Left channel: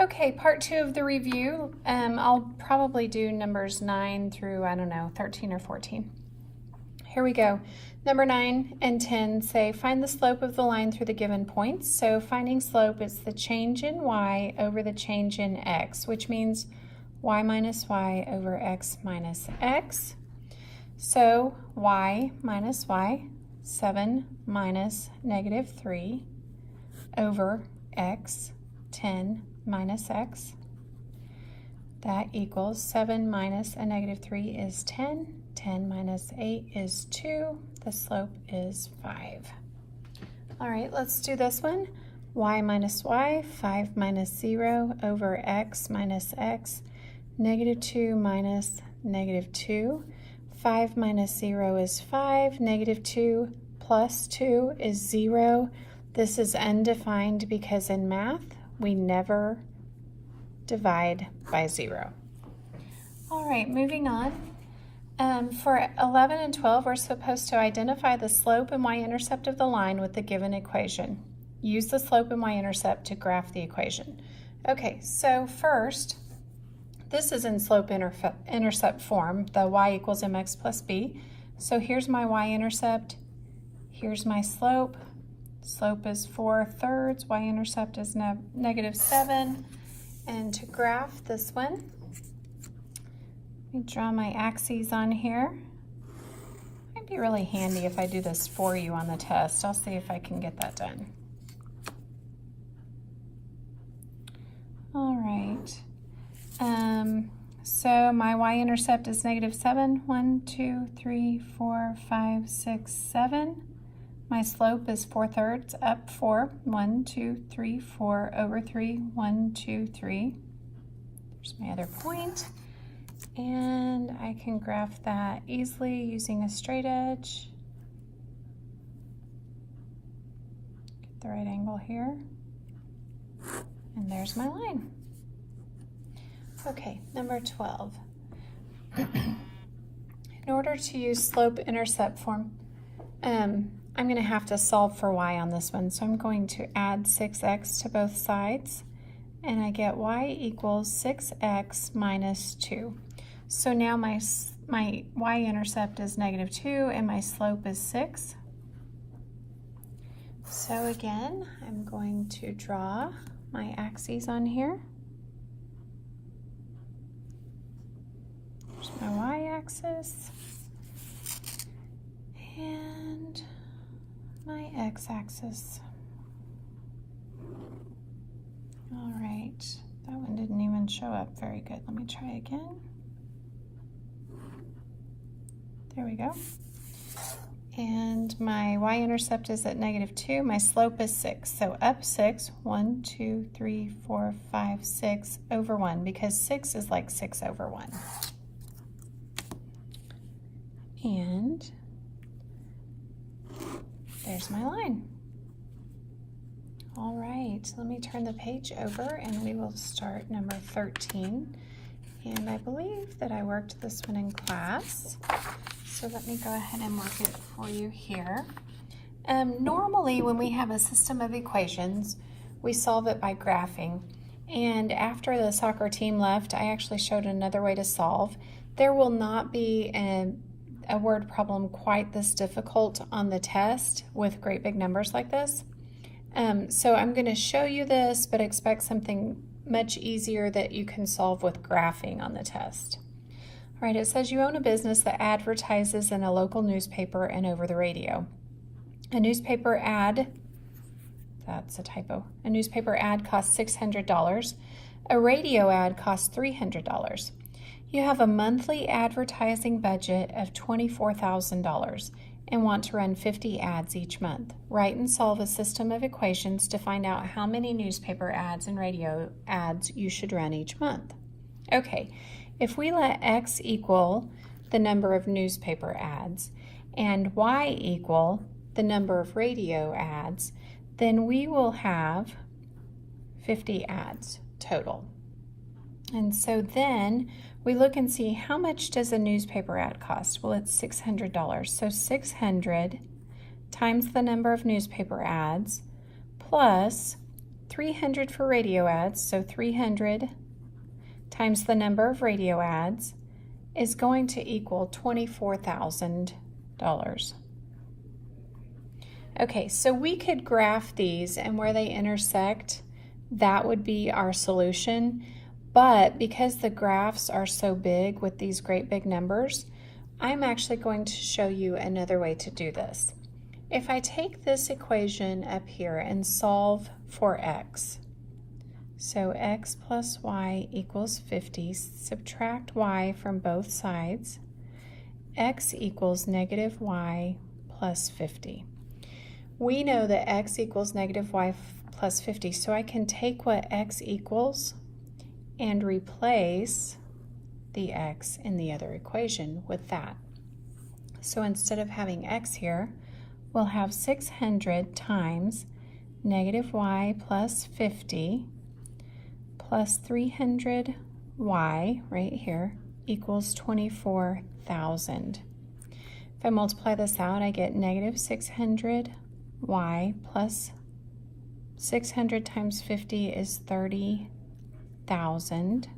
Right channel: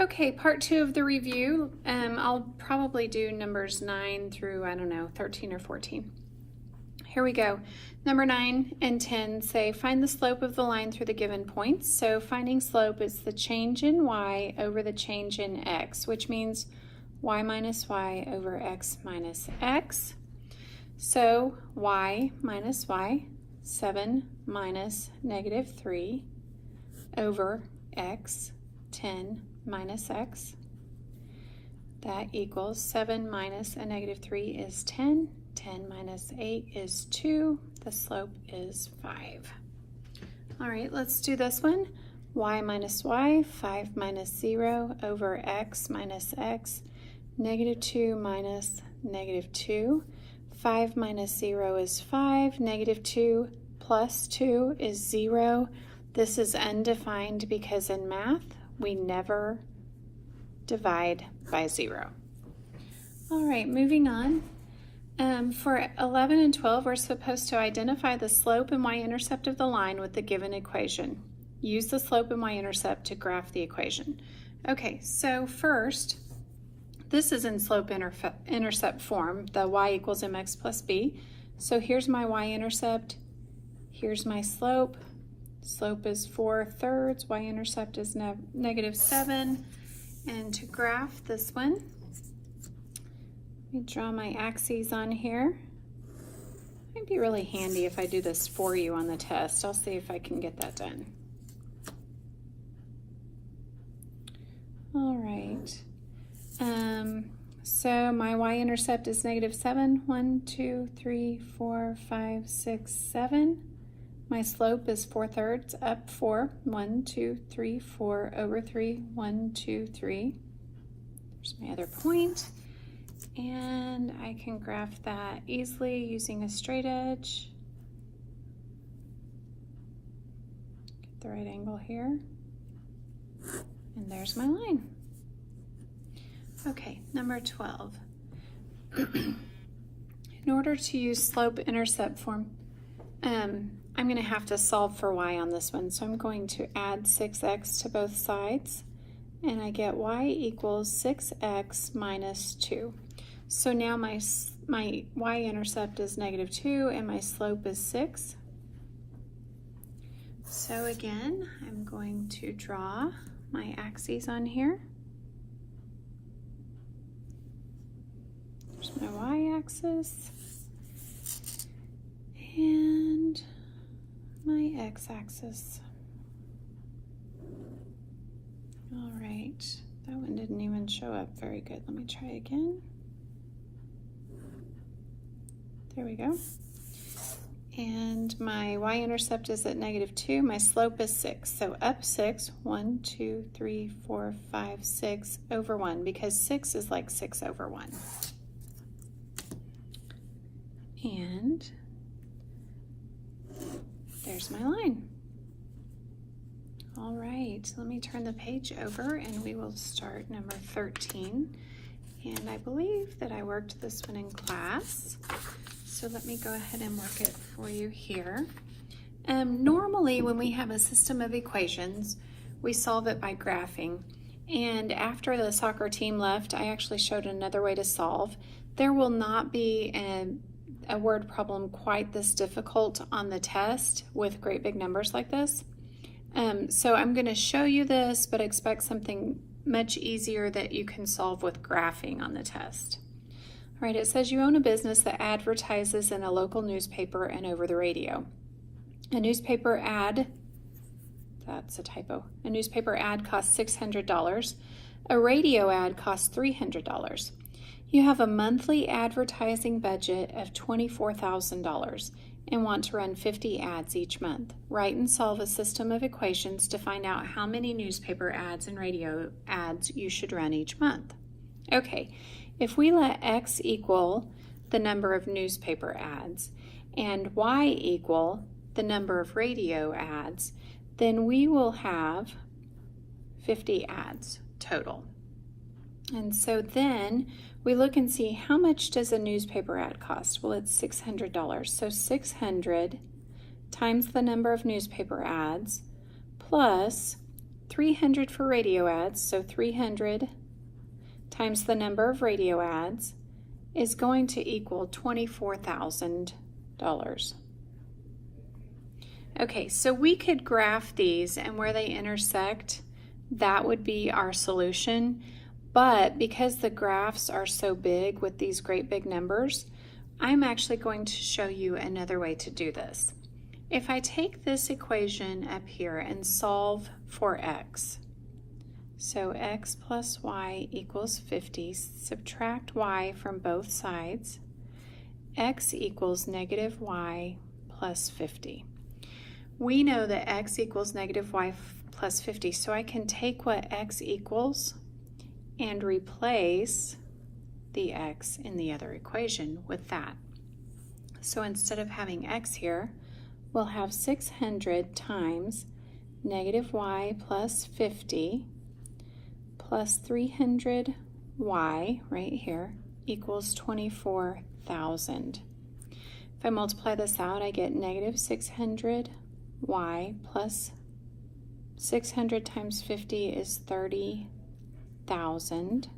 Okay, part 2 of the review. I'll probably do numbers 9 through, 13 or 14. Here we go. Number 9 and 10 say, find the slope of the line through the given points. So finding slope is the change in y over the change in x, which means y minus y over x minus x. So y minus y, 7 minus negative 3 over x, 10 minus x. That equals 7 minus a negative 3 is 10. 10 minus 8 is 2. The slope is 5. All right, let's do this one. Y minus y, 5 minus 0 over x minus x. Negative 2 minus negative 2. 5 minus 0 is 5. Negative 2 plus 2 is 0. This is undefined because in math, we never divide by 0. All right, moving on. For 11 and 12, we're supposed to identify the slope and y-intercept of the line with the given equation. Use the slope and y-intercept to graph the equation. Okay, so first, this is in slope-intercept form, the y equals mx plus b. So here's my y-intercept, here's my slope. Slope is 4/3, y-intercept is negative 7. And to graph this one, let me draw my axes on here. Might be really handy if I do this for you on the test. I'll see if I can get that done. All right. So my y-intercept is negative 7. 1, 2, 3, 4, 5, 6, 7. My slope is 4/3 up 4. 1, 2, 3, 4 over 3. 1, 2, 3. There's my other point. And I can graph that easily using a straight edge. Get the right angle here. And there's my line. Okay, number 12. In order to use slope-intercept form, I'm going to have to solve for y on this one. So I'm going to add 6x to both sides. And I get y equals 6x minus 2. So now my y-intercept is negative 2 and my slope is 6. So again, I'm going to draw my axes on here. There's my y-axis and my x-axis. All right, that one didn't even show up very good. Let me try again. There we go. And my y-intercept is at negative 2. My slope is 6. So up 6, 1, 2, 3, 4, 5, 6 over 1, because 6 is like 6 over 1. And there's my line. All right, let me turn the page over and we will start number 13. And I believe that I worked this one in class. So let me go ahead and mark it for you here. Normally when we have a system of equations, we solve it by graphing. And after the soccer team left, I actually showed another way to solve. There will not be a word problem quite this difficult on the test with great big numbers like this. So I'm going to show you this, but expect something much easier that you can solve with graphing on the test. All right, it says you own a business that advertises in a local newspaper and over the radio. A newspaper ad, that's a typo, a newspaper ad costs $600. A radio ad costs $300. You have a monthly advertising budget of $24,000 and want to run 50 ads each month. Write and solve a system of equations to find out how many newspaper ads and radio ads you should run each month. Okay, if we let x equal the number of newspaper ads and y equal the number of radio ads, then we will have 50 ads total. And so then we look and see how much does a newspaper ad cost? Well, it's $600. So 600 times the number of newspaper ads plus 300 for radio ads, so 300 times the number of radio ads is going to equal $24,000. Okay, so we could graph these, and where they intersect, that would be our solution. But because the graphs are so big with these great big numbers, I'm actually going to show you another way to do this. If I take this equation up here and solve for x, so x plus y equals 50, subtract y from both sides, x equals negative y plus 50. We know that x equals negative y plus 50, so I can take what x equals and replace the x in the other equation with that. So instead of having x here, we'll have 600 times negative y plus 50 plus 300y right here equals 24,000. If I multiply this out, I get negative 600y plus 600 times 50 is 30,000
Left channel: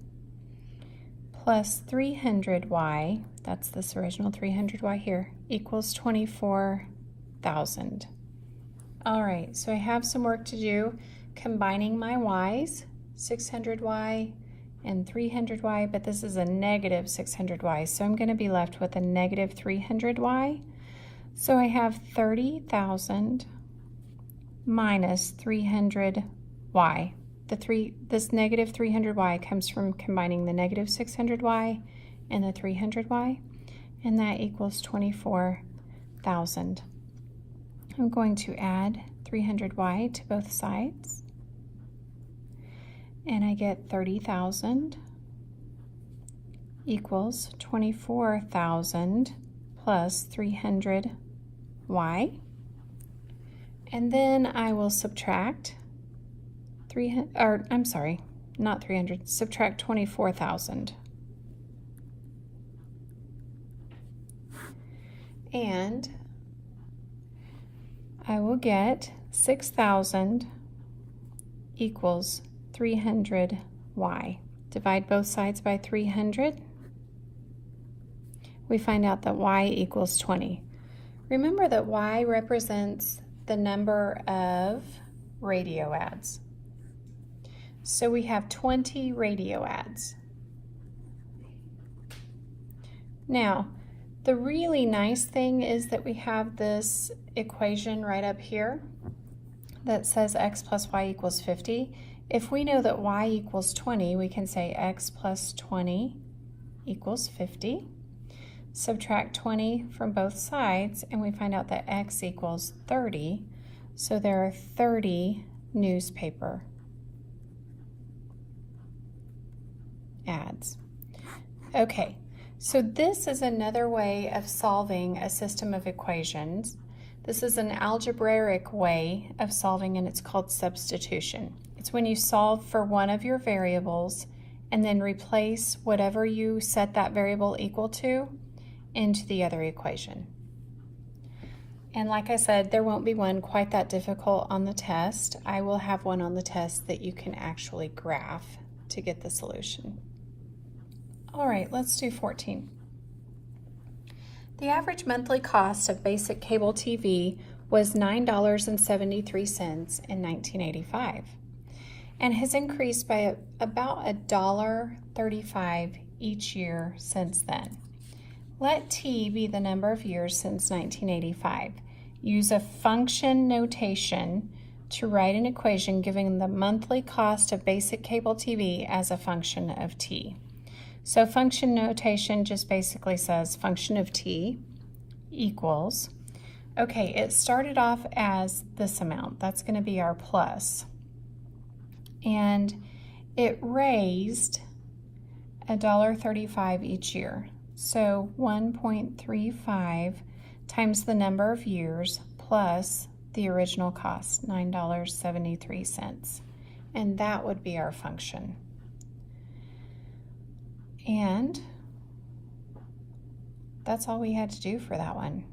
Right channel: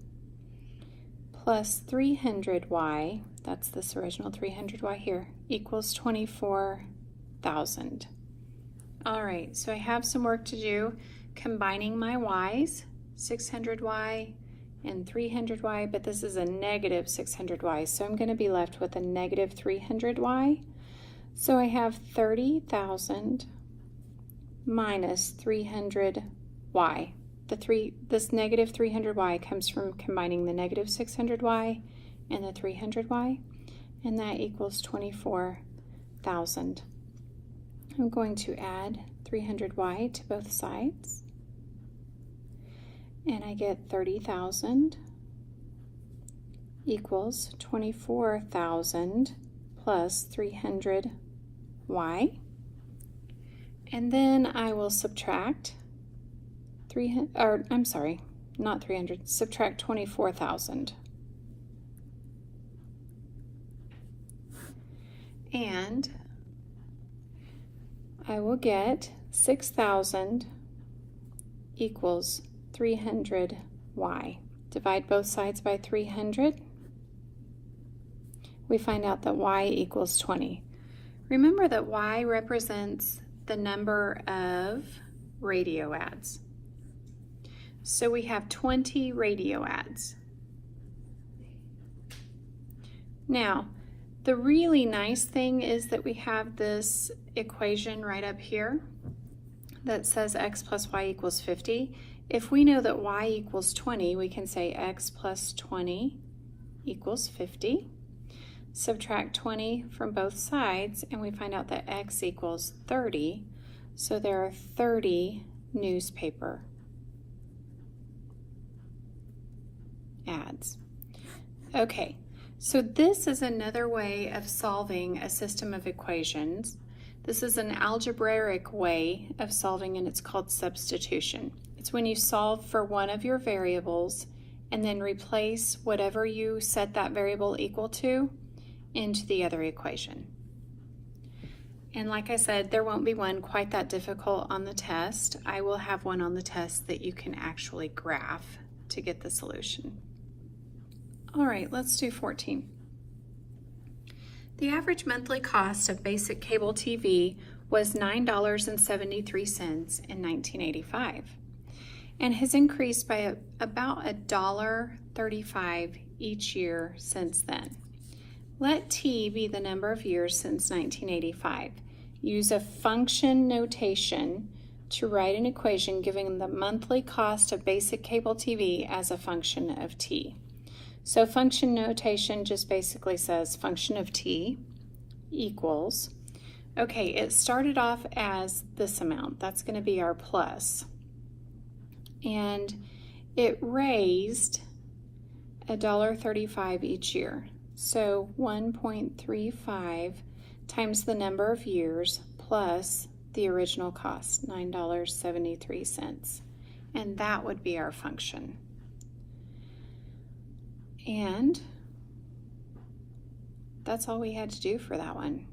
plus 300y, that's this original 300y here, equals 24,000. All right, so I have some work to do combining my y's, 600y and 300y, but this is a negative 600y, so I'm going to be left with a negative 300y. So I have 30,000 minus 300y. This negative 300y comes from combining the negative 600y and the 300y, and that equals 24,000. I'm going to add 300y to both sides, and I get 30,000 equals 24,000 plus 300y, and then I will subtract subtract 24,000. And I will get 6,000 equals 300y. Divide both sides by 300. We find out that y equals 20. Remember that y represents the number of radio ads. So we have 20 radio ads. Now, the really nice thing is that we have this equation right up here that says x plus y equals 50. If we know that y equals 20, we can say x plus 20 equals 50. Subtract 20 from both sides, and we find out that x equals 30. So there are 30 newspaper ads. Okay, so this is another way of solving a system of equations. This is an algebraic way of solving, and it's called substitution. It's when you solve for one of your variables and then replace whatever you set that variable equal to into the other equation. And like I said, there won't be one quite that difficult on the test. I will have one on the test that you can actually graph to get the solution. All right, let's do 14. The average monthly cost of basic cable TV was $9.73 in 1985 and has increased by about $1.35 each year since then. Let T be the number of years since 1985. Use a function notation to write an equation giving the monthly cost of basic cable TV as a function of T. So function notation just basically says function of T equals, okay, it started off as this amount. That's going to be our plus. And it raised $1.35 each year. So 1.35 times the number of years plus the original cost, $9.73. And that would be our function. And that's all we had to do for that one.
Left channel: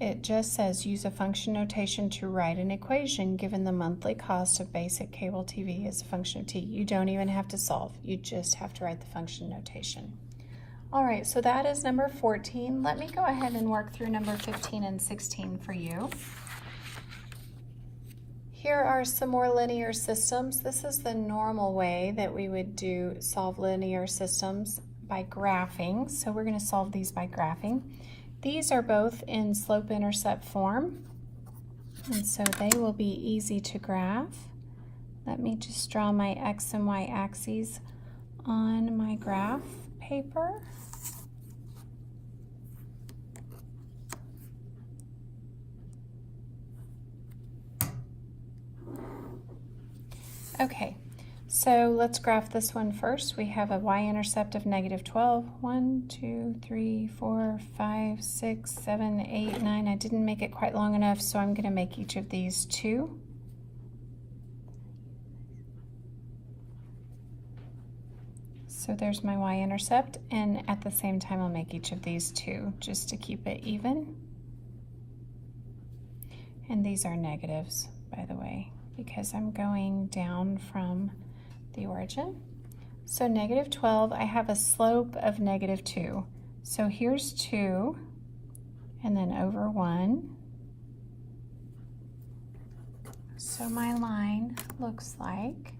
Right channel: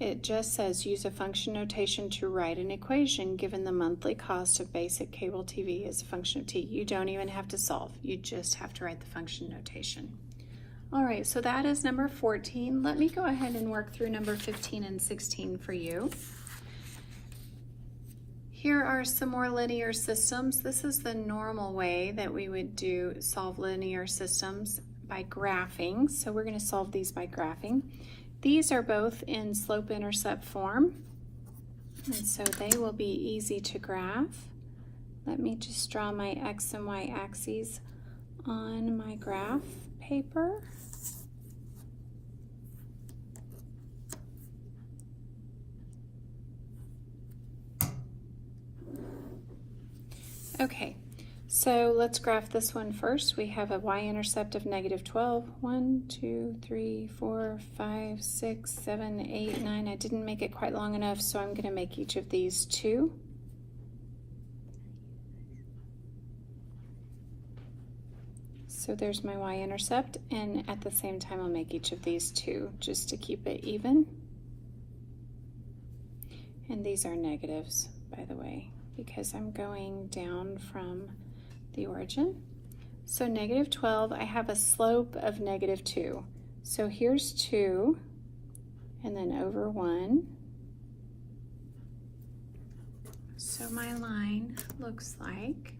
it just says use a function notation to write an equation given the monthly cost of basic cable TV is a function of t. You don't even have to solve. You just have to write the function notation. All right, so that is number 14. Let me go ahead and work through number 15 and 16 for you. Here are some more linear systems. This is the normal way that we would solve linear systems, by graphing. So we're going to solve these by graphing. These are both in slope-intercept form, and so they will be easy to graph. Let me just draw my x and y axes on my graph paper. Okay, so let's graph this one first. We have a y-intercept of -12. 1, 2, 3, 4, 5, 6, 7, 8, 9. I didn't make it quite long enough, so I'm going to make each of these 2. So there's my y-intercept, and at the same time I'll make each of these 2 just to keep it even. And these are negatives, by the way, because I'm going down from the origin. So -12, I have a slope of -2. So here's 2, and then over 1. So my line looks like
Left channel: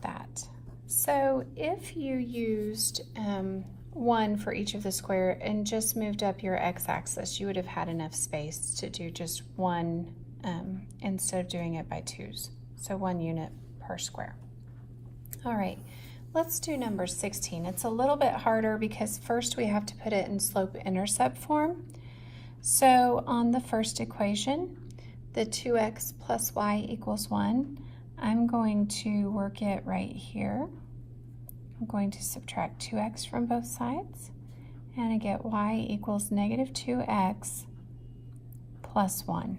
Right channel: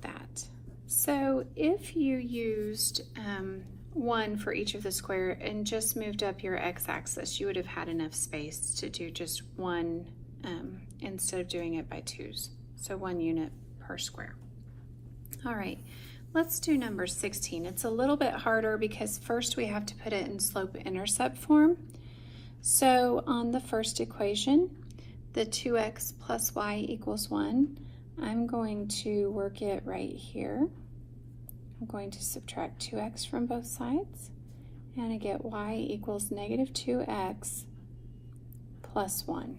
that. So if you used 1 for each of the square and just moved up your x-axis, you would have had enough space to do just 1 instead of doing it by 2s. So 1 unit per square. All right, let's do number 16. It's a little bit harder because first we have to put it in slope-intercept form. So on the first equation, the 2x plus y equals 1, I'm going to work it right here. I'm going to subtract 2x from both sides, and I get y equals -2x plus 1.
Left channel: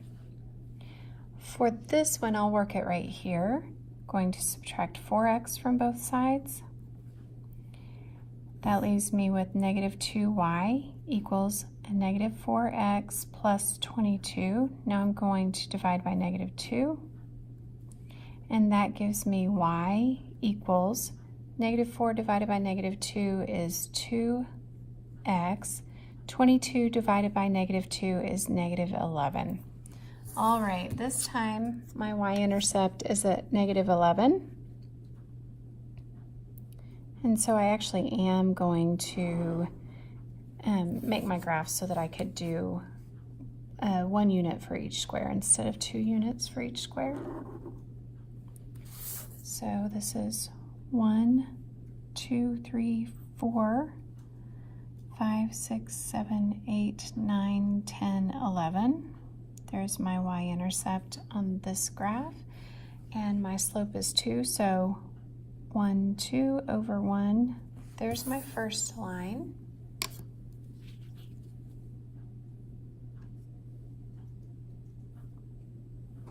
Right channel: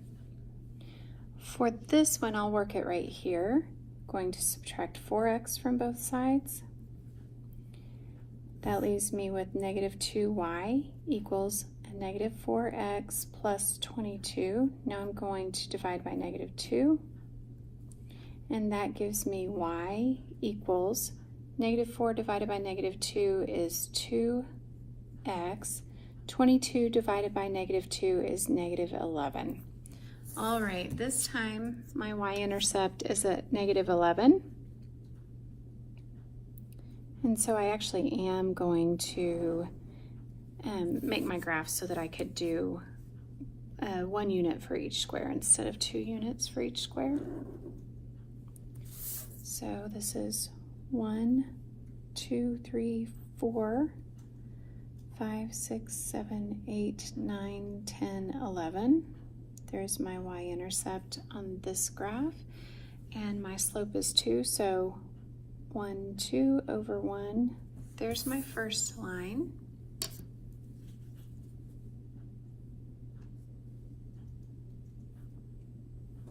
For this one, I'll work it right here. I'm going to subtract 4x from both sides. That leaves me with -2y equals a -4x plus 22. Now I'm going to divide by -2, and that gives me y equals -4 divided by -2 is 2x. 22 divided by -2 is -11. All right, this time my y-intercept is at -11. And so I actually am going to make my graph so that I could do 1 unit for each square instead of 2 units for each square. So this is 1, 2, 3, 4, 5, 6, 7, 8, 9, 10, 11. There's my y-intercept on this graph, and my slope is 2, so 1, 2 over 1. There's my first line.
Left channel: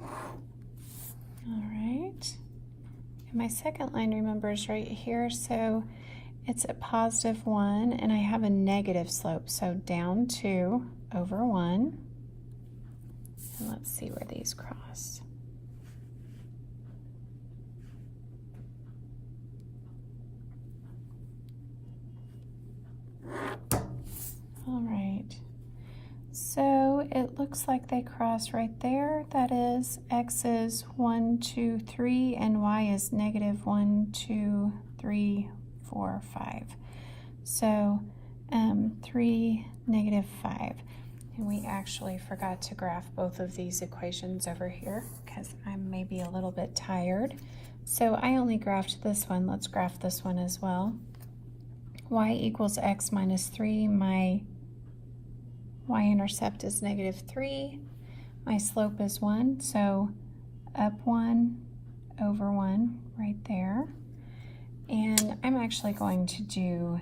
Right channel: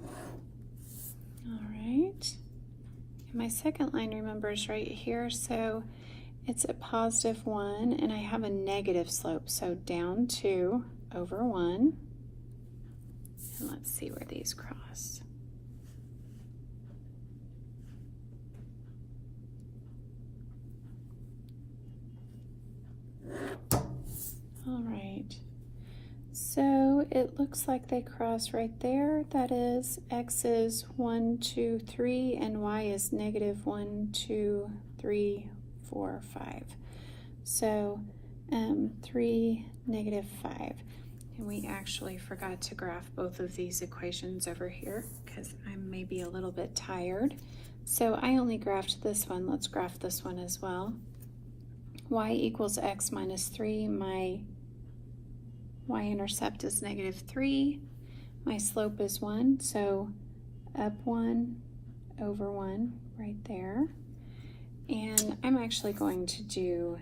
All right. And my second line, remember, is right here, so it's a +1, and I have a negative slope, so down 2 over 1. And let's see where these cross. All right, so it looks like they cross right there. That is, x is 1, 2, 3, and y is -1, 2, 3, 4, 5. So 3, -5. And we actually forgot to graph both of these equations over here because I'm maybe a little bit tired. So I only graphed this one. Let's graph this one as well. Y equals x minus 3. My y-intercept is -3. My slope is 1, so up 1 over 1 right there. And I'm actually going to do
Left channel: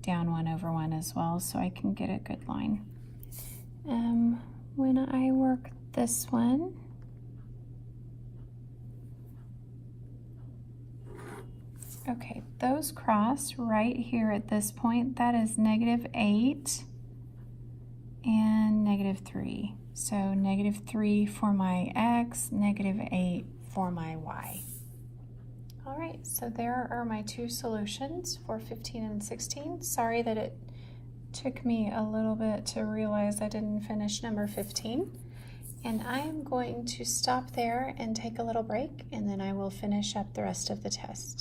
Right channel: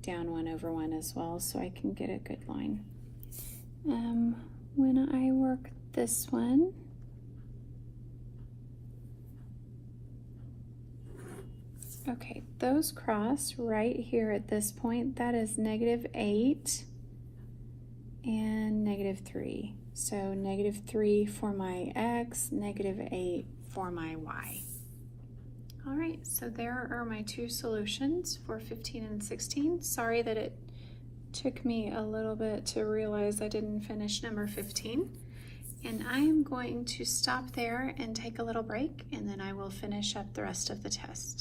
down 1 over 1 as well so I can get a good line. When I work this one, Okay, those cross right here at this point. That is -8 and -3. So -3 for my x, -8 for my y. All right, so there are my two solutions for 15 and 16. Sorry that it took me a little bit to realize I didn't finish number 15. And I am going to stop there and take a little break, and then I will finish up the rest of the test.